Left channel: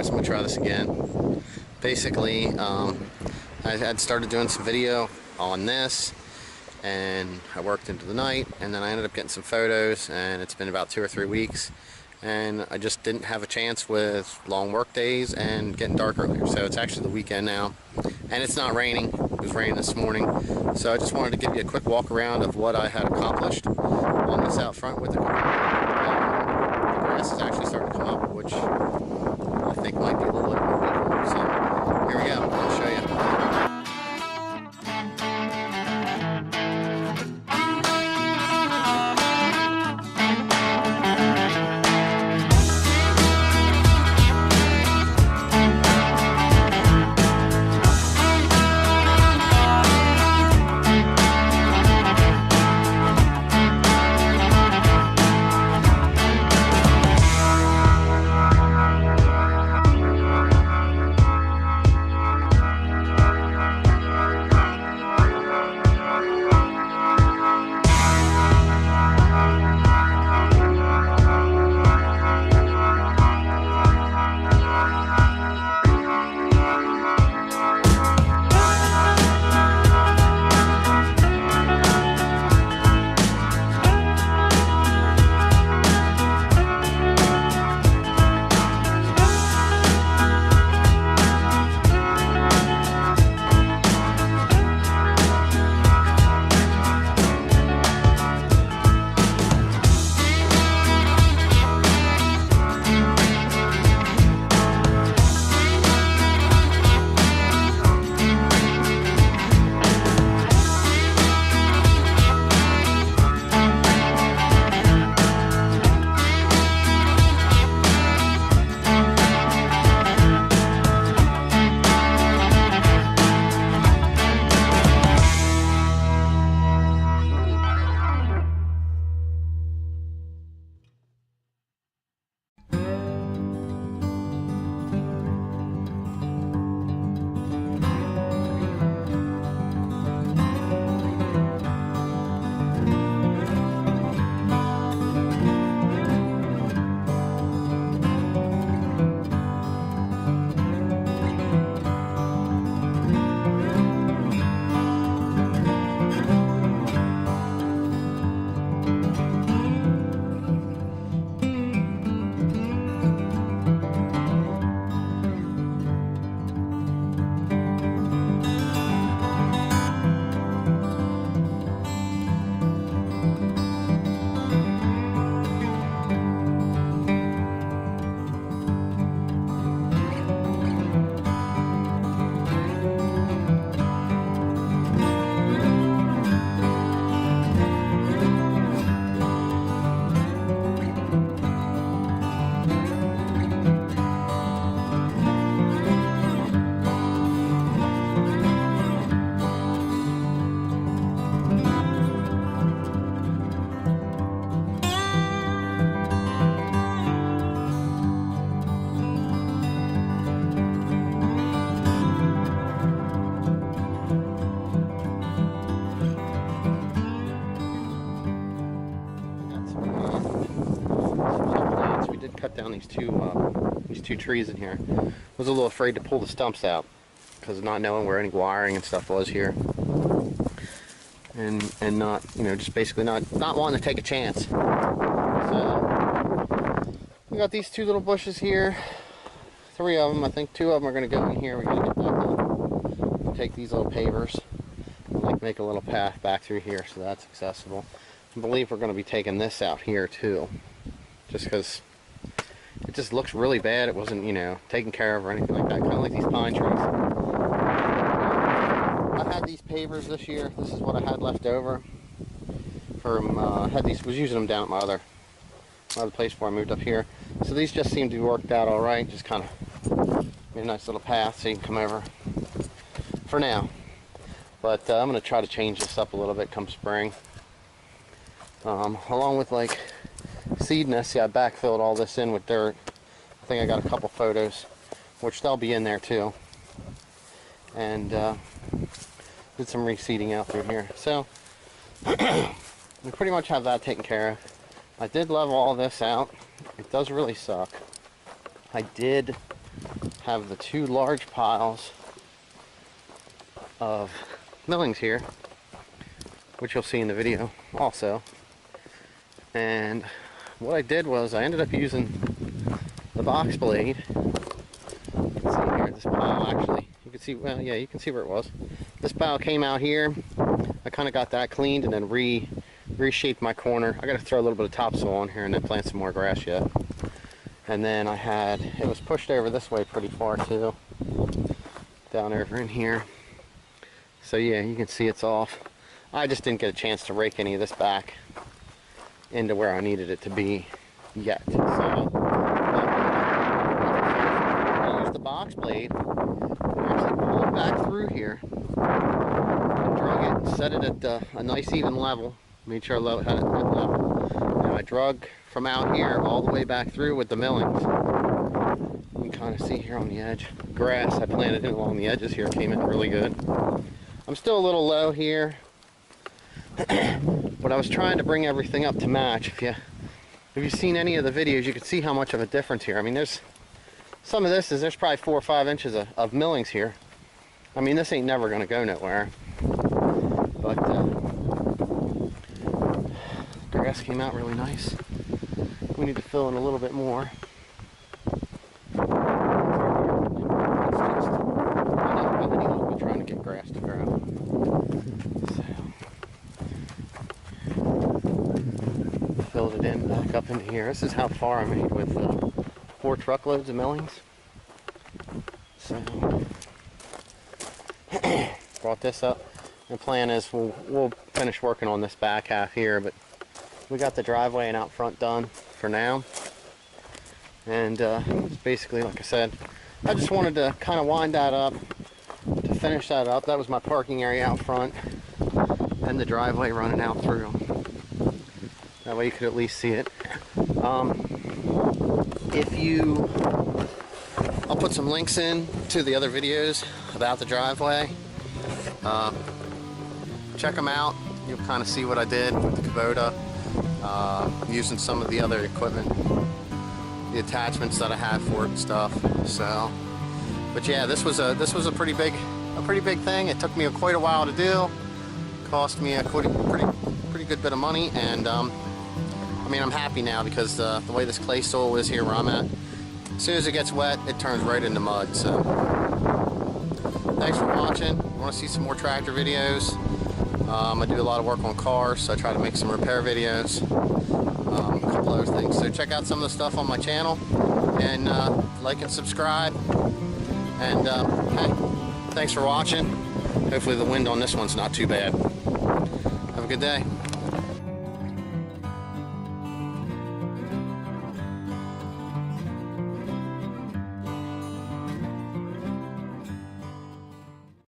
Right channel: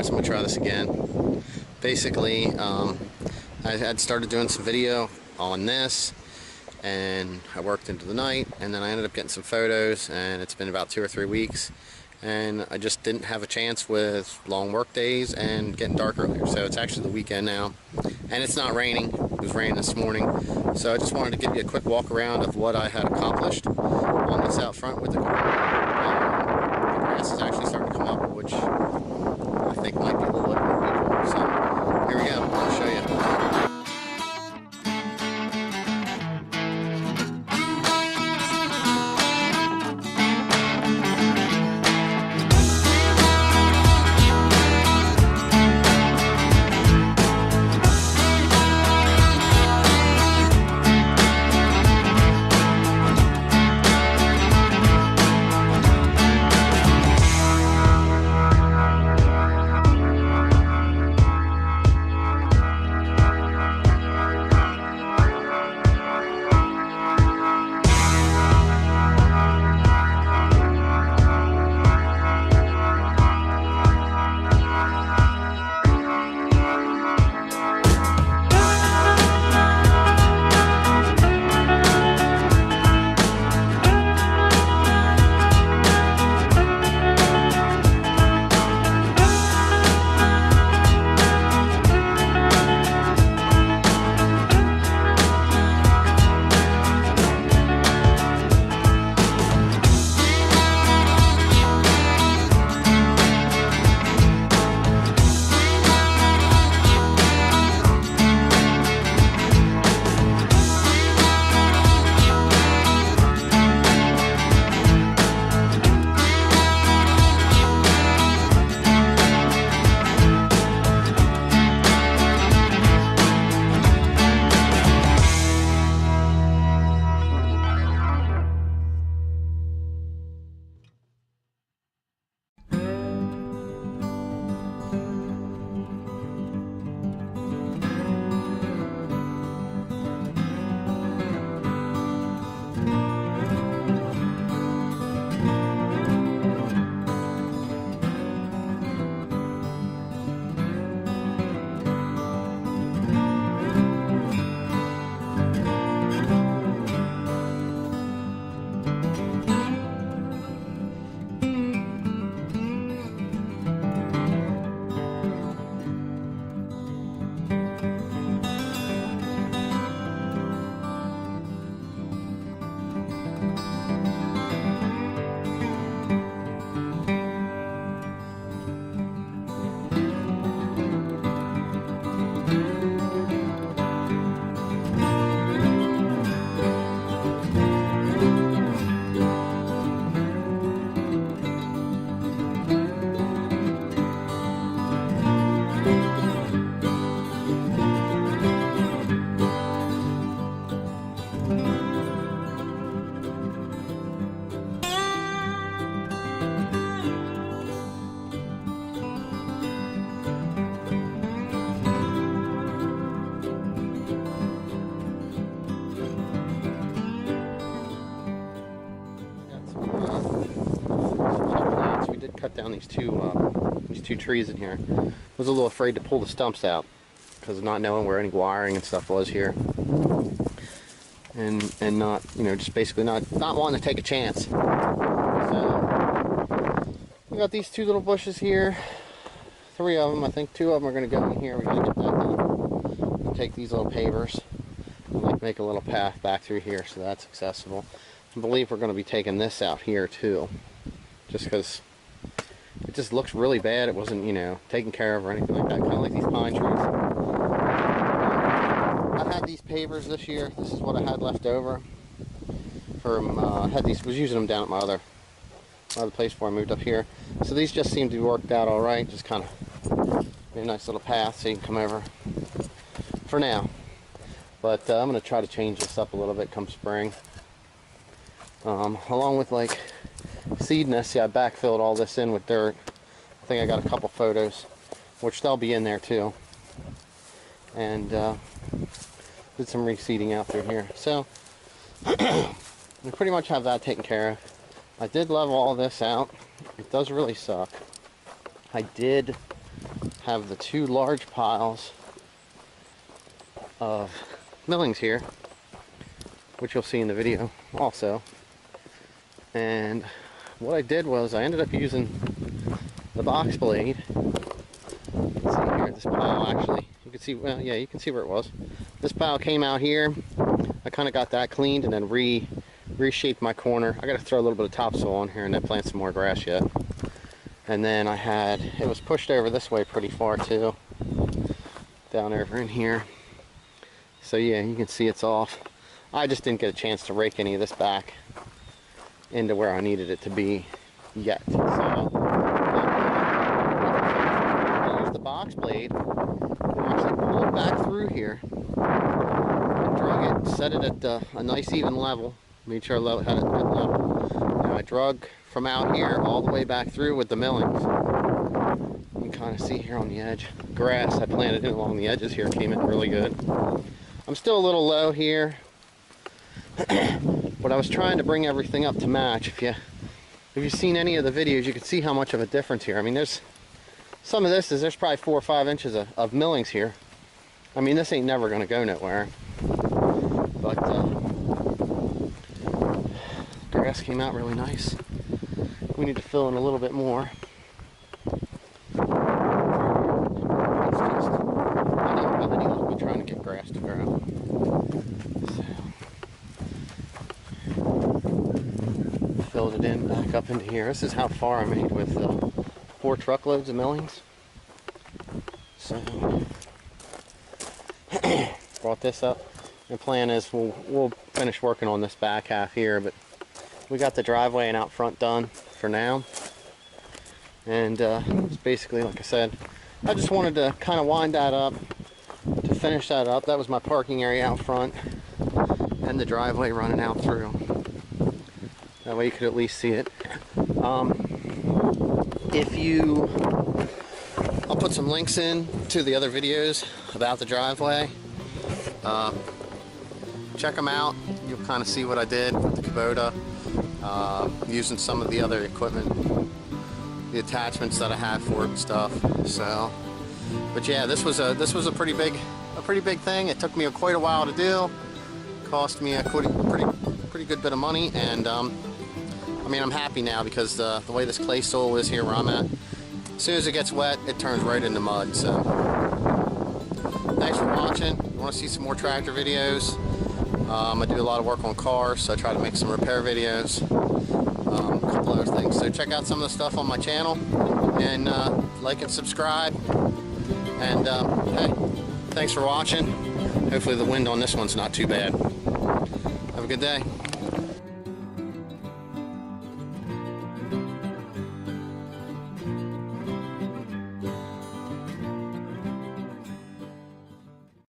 Alright, so I'm going to try this again. Basically, I had started doing some video on this, and I worked into the night, and then I ended up getting some photos, and it's been about 2 or 3 weeks, and I just didn't have a chance with long work days and getting dark earlier. So it's actually the weekend now, and it's not raining. It was raining this morning, so I just wanted to give you a quick walk around of what I had accomplished on this out front with the Kubota. The grass is actually starting to come up, which I think might be a little over usual. So here we go. I'll show you. Cut down these two trees in here. I was a little afraid to pull the stumps out because of not knowing where any wiring and stuff was here, and not, you know, just basically not wanting to take a chance. So we got these two little bushes here, 3 of them. I think 2 of them are going to go in here. We got to get that done. We'll take these little pavers and like make a little path back through here so that's accessible. I believe we're going to be taking this out here too, just because it just looks really bad. It wasn't, you know, taken care of or anything like that. Kind of like these pine trees. I had these pavers this year. This is what I had left over from, was using them down at my other place before I moved up here. So these just seem to be worked out all right. Just kind of made a nice little path so you can come over for now. But I'm going to try to change this up a little bit come spring. Along with like seed nest. See, I backfilled all this in with dirt. I think I got a couple photos, which they'll be in there too. And did some reseeding out through here. So we pretty much have that taken care of. I did level all this out. It does really suck. I did have the two large piles of millings here, which you'll see in the video also. And what I did was I ended up using the box blade. You can see here, this pile actually, you can see, well, yeah, you can see where it was. This pile came out here. I kind of got that cleaned and then reshaped my corner. I got to throw a little bit of topsoil on here and then plant some more grass yet. And then I had, it was pushed over this way pretty far too, down over in here. So yeah, you can see it's off. I just didn't get a chance to rake any of this back into where I needed it to be yet. So I used the box blade and actually pulled back through here and drug it and set it at a nice even level. Made sure I had it good level. Now I drug from out here all the way back through with the millings. You can kind of see here on the edge. Grass I planted in along the edges here came in really good. I'm still a little low here, but I was trying to bring everything up to match. If you've seen any of the videos, you can see how much of a difference here. I mean, there's some of this is there's probably 4 or 5 inches of millings here. I mean, this ain't never going to go nowhere. But grass came out really nice. We need to fill in a little bit more. It's just, I don't have any luck with trying to get grass to grow. So, filled it in back up into here. This is how far I made with 4 truckloads of millings. So, brought this up. The plan is we'll finish working on this back half here, but we got the driveway and out front done for now. And it's basically, like I said, I just wanted to kind of wind that up, to finish that up. That was my parking area out front and the driveway running out through. That way you could at least see it. I'll put some links in to the other videos about the driveway. Check them out. You'll kind of see what I did with the Kubota, using some of the other equipment, the attachments that I have for it and stuff. So, but yeah, this was a pretty big thing. It took me quite a while to do. Cost me a pretty good bit of money, and I mean, I'm happy now because the way this clay soil is here where I'm at, as soon as it gets wet, it turns right into mud. So, thanks for watching. If you want to see some more tractor videos, I do a lot of work on cars, so I try to make some repair videos, a couple other things. So check out some of the stuff on my channel, and like and subscribe. And hey, thanks for watching. Hopefully the wind on this one's not too bad. Have a good day.